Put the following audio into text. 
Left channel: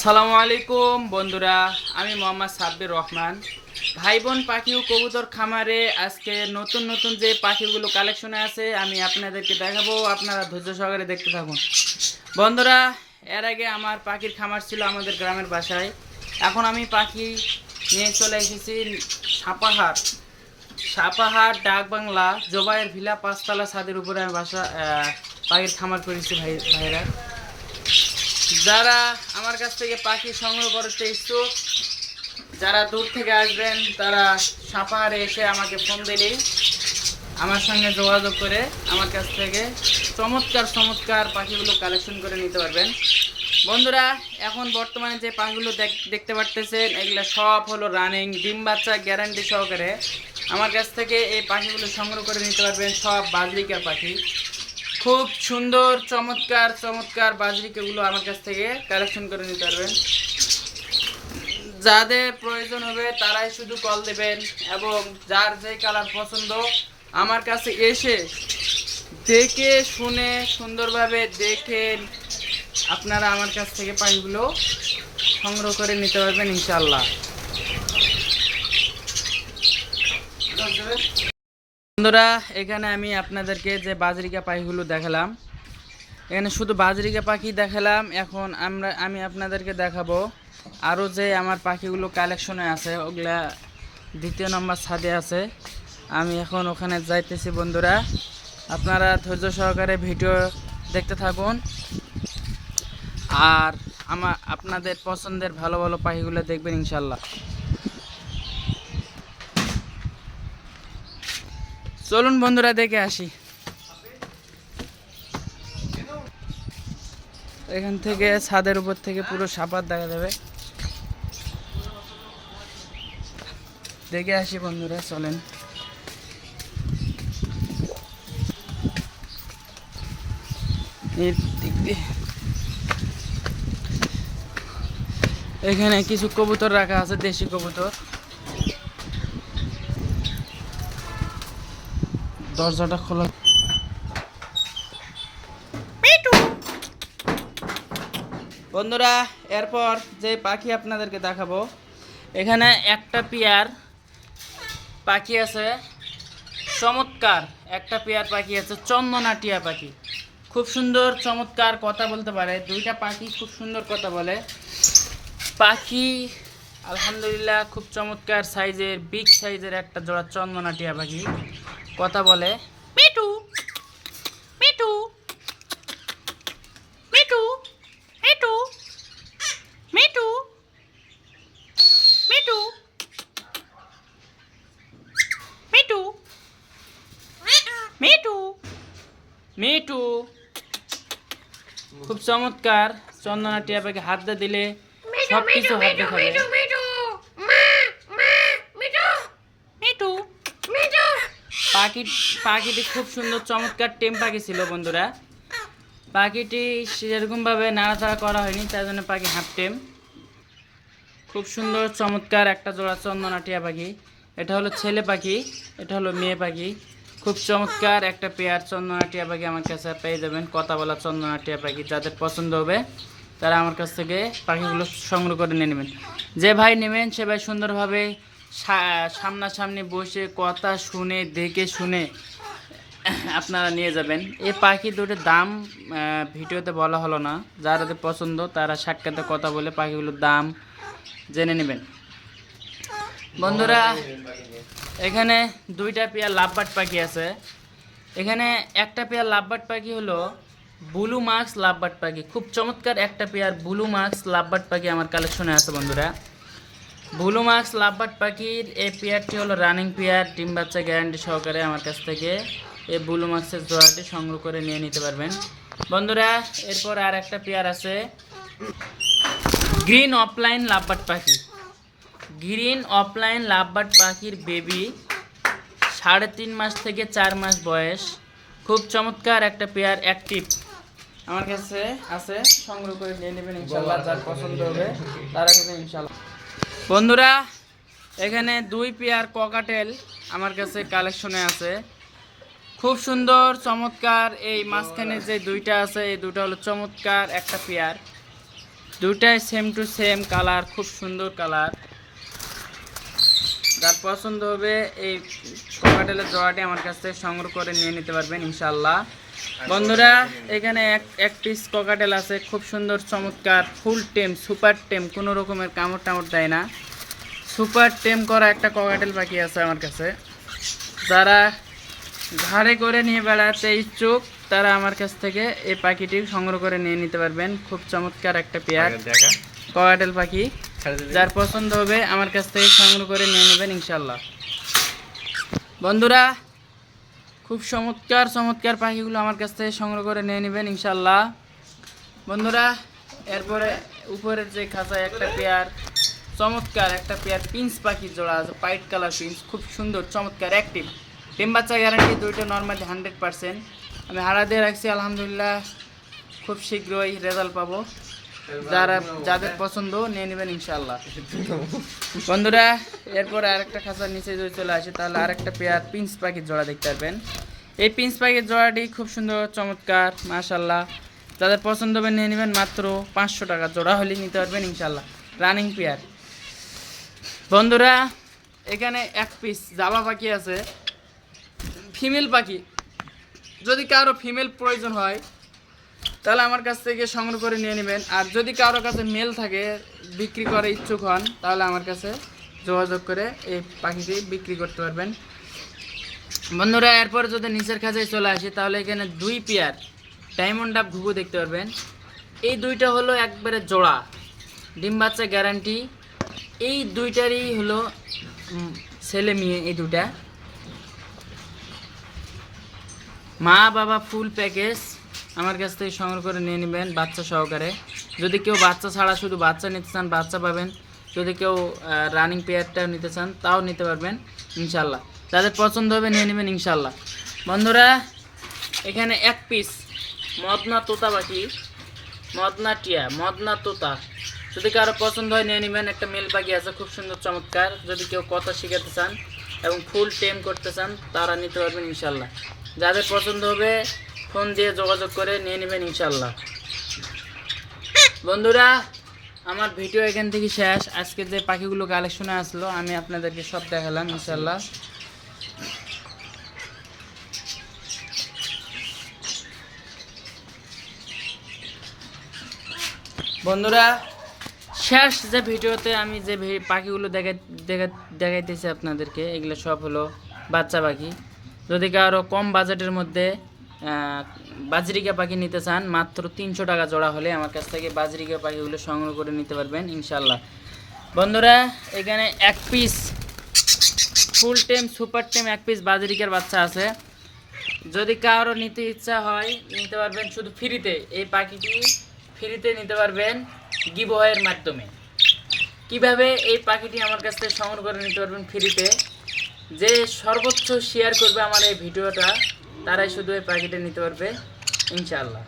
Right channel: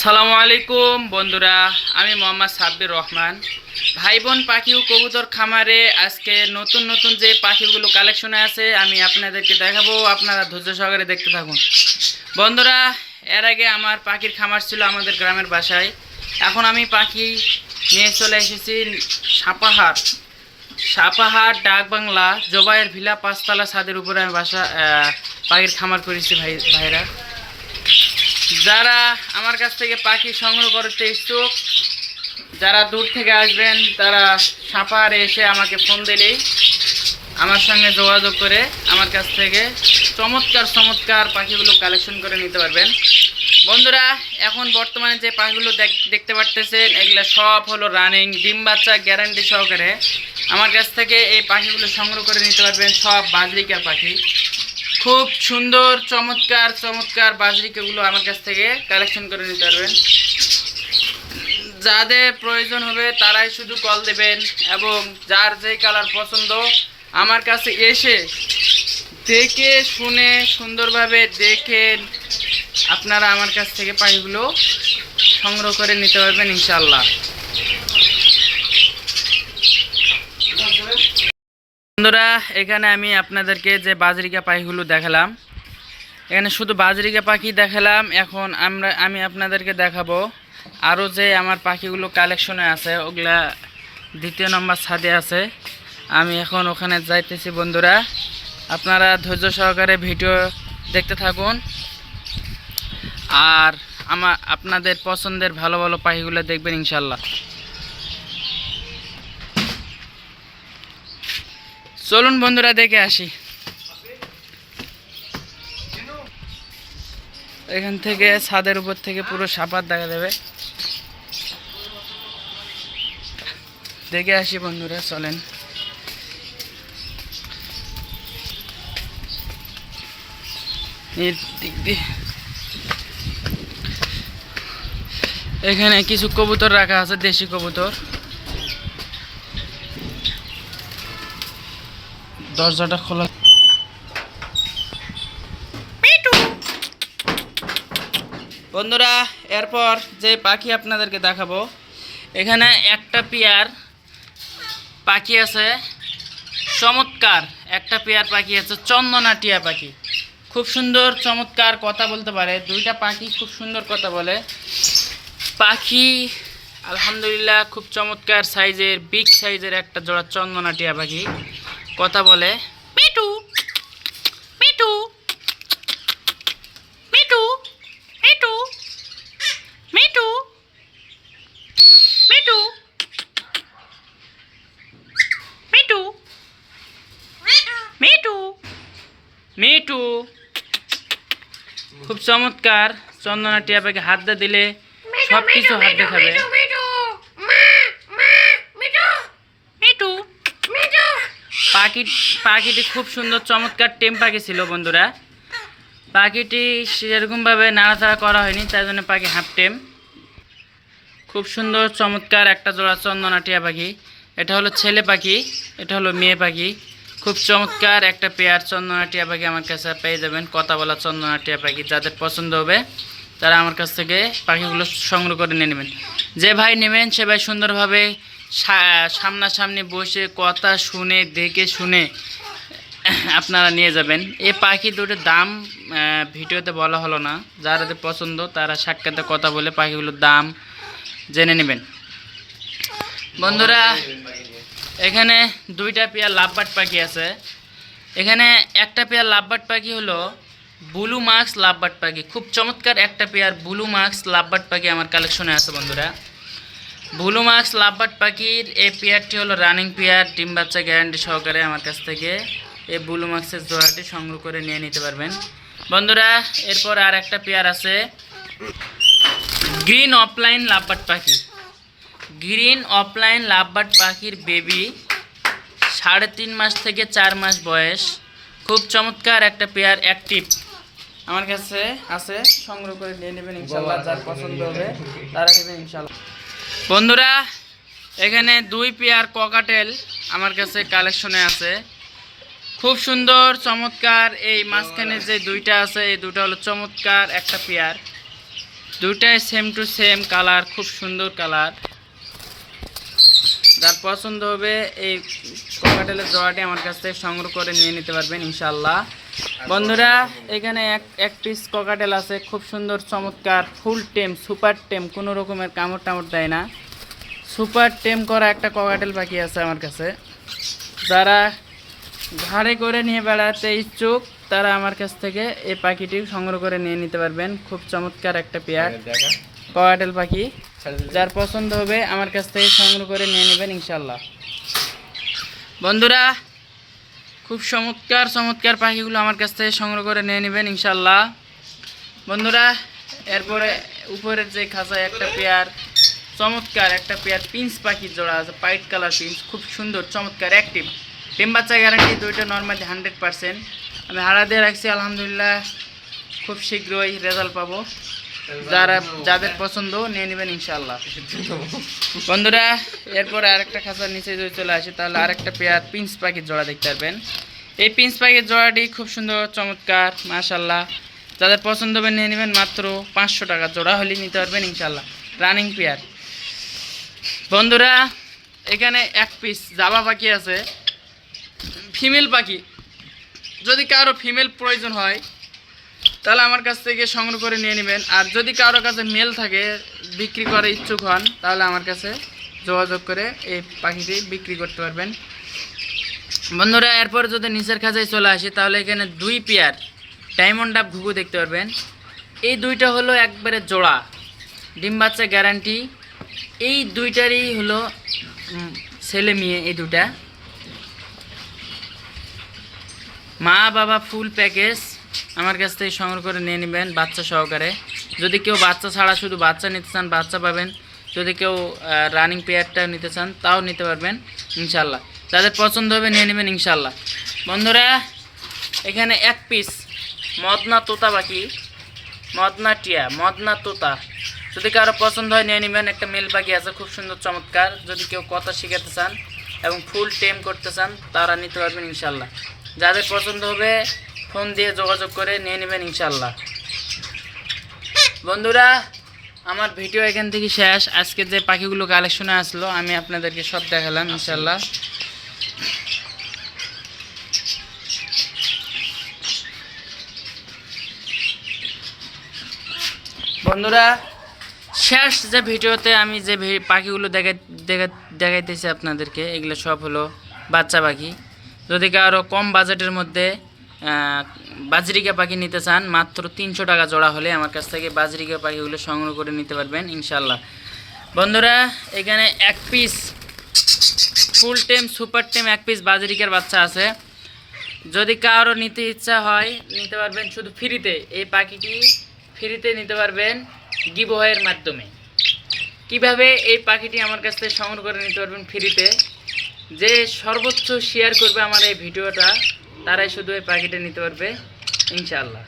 আসসালামু আলাইকুম বন্ধুরা, আমি মোহাম্মদ সাব্বির রহমান। ভাই বোন পাখি ও কবুতর খামারে আজকে নতুন নতুন যে পাখিগুলো কালেকশনে আছে আমি আপনাদেরকে দেখাবো। আপনারা ধৈর্য সহকারে দেখতে থাকুন বন্ধুরা। এর আগে আমার পাখির খামার ছিল আমাদের গ্রামের বাসায়। এখন আমি পাখি নিয়ে চলে এসেছি সাপাহার ডাক বাংলা জোবাইয়ের ভিলা 5তলা ছাদের উপরে আমি পাখির খামার করেছি ভাইরা। যারা আমার কাছ থেকে পাখি সংগ্রহ করতে ইচ্ছুক, যারা দূর থেকে আসবেন, তারা সাপাহারে এসে আমাকে ফোন দিলেই আমার সঙ্গে যোগাযোগ করে আমার কাছ থেকে চমৎকার পাখিগুলো কালেকশন করে নিতে পারবেন বন্ধুরা। এখন বর্তমানে যে পাখিগুলো দেখতে পারতেছেন, এগুলো সব হলো রানিং ডিম বাচ্চা গ্যারান্টি সহকারে। আমার কাছ থেকে এই পাখিগুলো সংগ্রহ করে নিতে পারবেন। সব বাজরিকার পাখি, খুব সুন্দর চমৎকার বাজরিকাগুলো আমার কাছ থেকে কালেকশন করে নিতে পারবেন। যাদের প্রয়োজন হবে তারাই শুধু কল দেবেন, এবং যার যেই কালার পছন্দ আমার কাছে এসে দেখে শুনে সুন্দরভাবে দেখেন আপনারা আমার কাছ থেকে পাখিগুলো সংগ্রহ করে নিতে পারবেন ইনশাআল্লাহ। বন্ধুরা, এখানে আমি আপনাদেরকে যে বাজরিকা পাখিগুলো দেখালাম, এখানে শুধু বাজরিকা পাখি দেখালাম। এখন আমি আপনাদেরকে দেখাবো আরও যে আমার পাখিগুলো কালেকশনে আছে, ওগুলা 2 নম্বর ছাদে আছে। আমি এখন ওখানে যাইতেছি বন্ধুরা। আপনারা ধৈর্য সহকারে ভিডিও দেখতে থাকুন, আর আপনাদের পছন্দের ভালো পাখিগুলো দেখবেন ইনশাল্লাহ। চলুন বন্ধুরা, দেখে আসি। এখান থেকে ছাদের উপর থেকে পুরো সাপার দেখা যাবে, দেখে আসি বন্ধুরা, চলেন। এখানে কিছু কবুতর রাখা আছে, দেশি কবুতর। দরজাটা খোলা। বন্ধুরা, এরপর যে পাখি আপনাদেরকে দেখাবো, এখানে একটা পেয়ার পাখি আছে, চমৎকার একটা পেয়ার পাখি আছে, চন্দনা টিয়া পাখি। খুব সুন্দর চমৎকার কথা বলতে পারে, দুইটা পাখি খুব সুন্দর কথা বলে। পাখি আলহামদুলিল্লাহ খুব চমৎকার সাইজের, বিগ সাইজের একটা জোড়া চন্দনা টিয়া পাখি, কথা বলে মিটু মিটু মিটু মিটু মিটু মিটু মিটু মিটু মিটু। খুব চমৎকার চন্দনা টিয়া পাখি, হাত দিলে সব কিছু হাত দেখাবে। পাখিটি খুব সুন্দর চমৎকার টেম পাখি ছিল বন্ধুরা। পাখিটি সেরকমভাবে নাড়াচাড়া করা হয়নি, তাই জন্য পাখি হাফ টেম। খুব সুন্দর চমৎকার একটা জোড়া চন্দনা টিয়া পাখি। এটা হলো ছেলে পাখি, এটা হলো মেয়ে পাখি। খুব চমৎকার একটা পেয়ার চন্দনা টিয়া পাখি আমার কাছে পেয়ে যাবেন, কথা বলা চন্দনা টিয়া পাখি। যাদের পছন্দ হবে তারা আমার কাছ থেকে পাখিগুলো সংগ্রহ করে নিয়ে নেবেন। যে ভাই নেবেন সে ভাই সুন্দরভাবে সামনাসামনি বসে কথা শুনে দেখে শুনে আপনারা নিয়ে যাবেন। এই পাখি দুটোর দাম ভিডিওতে বলা হলো না, যাদের পছন্দ তারা সাক্ষাতে কথা বলে পাখিগুলোর দাম জেনে নেবেন বন্ধুরা। এখানে 2টা পেয়ার লাভবার্ড পাখি আছে। এখানে একটা পেয়ার লাভবার্ড পাখি হলো ব্লু মার্কস লাভবার্ড পাখি। খুব চমৎকার একটা পেয়ার ব্লু মার্কস লাভবার্ড পাখি আমার কালেকশনে আছে বন্ধুরা। ব্লু মার্কস লাভবার্ড পাখির এই পেয়ারটি হলো রানিং পেয়ার, ডিম বাচ্চা গ্যারান্টি সহকারে। আমার কাছ থেকে এই ব্লু মার্কসের জোড়াটি সংগ্রহ করে নিয়ে নিতে পারবেন বন্ধুরা। এরপর আর একটা পেয়ার আছে গ্রিন অফলাইন লাভবার্ড পাখি। গ্রিন অফলাইন লাভবার্ড পাখির বেবি 3.5 মাস থেকে 4 মাস বয়স। খুব চমৎকার একটা পেয়ার অ্যাক্টিভ আমার কাছে আছে, সংগ্রহ করে নিয়ে নেবেন ইনশাল্লাহ। যার পছন্দ হবে তারা নেবেন ইনশাল্লাহ বন্ধুরা। এখানে 2 পেয়ার ককাটেল আমার কাছে কালেকশনে আছে, খুব সুন্দর চমৎকার। এই মাঝখানে যে 2টা আছে, এই 2টা হলো চমৎকার একটা পেয়ার। দুটাই সেম টু সেম কালার, খুব সুন্দর কালার। যার পছন্দ হবে এই ককাটেলের জোড়াটি আমার কাছ থেকে সংগ্রহ করে নিয়ে নিতে পারবেন ইনশাল্লাহ। বন্ধুরা এখানে এক পিস ককাটেল আছে, খুব সুন্দর চমৎকার ফুল টেম, সুপার টেম, কোনো রকমের কামড় টামড় দেয় না। সুপার টেম করা একটা ককাটেল পাখি আছে আমার কাছে। যারা ঘাড়ে করে নিয়ে বেড়াতে ইচ্ছুক তারা আমার কাছ থেকে এই পাখিটি সংগ্রহ করে নিয়ে নিতে পারবেন। খুব চমৎকার একটা পেয়ার ককাটেল পাখি, যার পছন্দ হবে আমার কাছ থেকে সংগ্রহ করে নিয়ে নেবেন ইনশাল্লাহ। বন্ধুরা খুব চমৎকার চমৎকার পাখিগুলো আমার কাছ থেকে সংগ্রহ করে নিয়ে নেবেন ইনশাল্লাহ। বন্ধুরা এরপরে উপরের যে খাঁচায় একটা পেয়ার চমৎকার একটা পেয়ার পিন্স পাখির জোড়া আছে, হোয়াইট কালার পিন্স, খুব সুন্দর চমৎকার অ্যাক্টিভ, ডিম বাচ্চা গ্যারান্টি, দুইটা নর্মালি 100%। আমি হারা দিয়ে রাখছি, আলহামদুলিল্লাহ খুব শীঘ্রই রেজাল্ট পাবো। যাদের পছন্দ নিয়ে নেবেন ইনশাল্লাহ। বন্ধুরা এরপরে আরেকটা খাঁচার নিচে যদি চলে আসে তাহলে আরেকটা পেয়ার পিন্স পাখির জোড়া দেখতে পারবেন। এই পিন্স পাখির জোড়াটি খুব সুন্দর চমৎকার মাশাল্লাহ, যাদের পছন্দ হবে নিয়ে নেবেন। মাত্র 500 টাকা জোড়া হলে নিতে পারবেন ইনশাল্লাহ, রানিং পেয়ার। বন্ধুরা এখানে এক পিস জাবা পাখি আছে, ফিমেল পাখি। যদি কারো ফিমেল প্রয়োজন হয় তাহলে আমার কাছ থেকে সংগ্রহ করে নিয়ে নেবেন। আর যদি কারো কাছে মেল থাকে, বিক্রি করে ইচ্ছুক হন, তাহলে আমার কাছে যোগাযোগ করে এই পাখিটি বিক্রি করতে পারবেন। বন্ধুরা এরপর যদি নিচের কাছে চলে আসি তাহলে এখানে 2 পেয়ার ডায়মন্ড ডাব ঘুঘু দেখতে পারবেন। এই দুইটা হলো একবারে জোড়া, ডিম বাচ্চা গ্যারান্টি। এই দুইটারই হলো ছেলে মেয়ে, এই দুটা মা বাবা ফুল প্যাকেজ আমার কাছ থেকে সংগ্রহ করে নিয়ে নেবেন বাচ্চা সহকারে। যদি কেউ বাচ্চা ছাড়া শুধু বাচ্চা নিতে চান বাচ্চা পাবেন, যদি কেউ রানিং পেয়ারটা নিতে চান তাও নিতে পারবেন ইনশাল্লাহ। যাদের পছন্দ হবে নিয়ে নেবেন ইনশাল্লাহ। বন্ধুরা এখানে এক পিস মদনা তোতা পাখি, মদনা টিয়া, মদনা তোতা, যদি কারো পছন্দ হয় নিয়ে নেবেন। একটা মেল পাখি আছে খুব সুন্দর চমৎকার, যদি কেউ কথা শিখাতে চান এবং ফুল টেম করতে চান তারা নিতে পারবেন ইনশাল্লাহ। যাদের পছন্দ হবে ফোন দিয়ে যোগাযোগ করে নিয়ে নেবেন ইনশাল্লাহ। বন্ধুরা আমার ভিডিও এখান থেকে শেষ। আজকে যে পাখিগুলো কালেকশনে আসলো আমি আপনাদেরকে সব দেখালাম ইনশাল্লাহ। বন্ধুরা শেষ যে ভিডিওতে আমি যে পাখিগুলো দেখাইতেছি আপনাদেরকে, এগুলো সব হলো বাচ্চা পাখি। যদি কারো কম বাজেটের মধ্যে বাজরিকা পাখি নিতে চান মাত্র 300 টাকা জোড়া হলে আমার কাছ থেকে বাজরিকা পাখিগুলো সংগ্রহ করে নিতে পারবেন ইনশাল্লাহ। বন্ধুরা এখানে এক পিস ফুল টেম সুপার টেম এক পিস বাজরিকার বাচ্চা আছে, যদি কারো নিতে ইচ্ছা হয় নিতে পারবেন শুধু ফ্রিতে। এই পাখিটি ফ্রিতে নিতে পারবেন গিভওয়ের মাধ্যমে। কিভাবে এই পাখিটি আমার কাছ থেকে সংগ্রহ করে নিতে পারবেন ফ্রিতে, যে সর্বোচ্চ শেয়ার করবে আমার এই ভিডিওটা তারাই শুধু এই পাখিটা নিতে পারবে ইনশাআল্লাহ।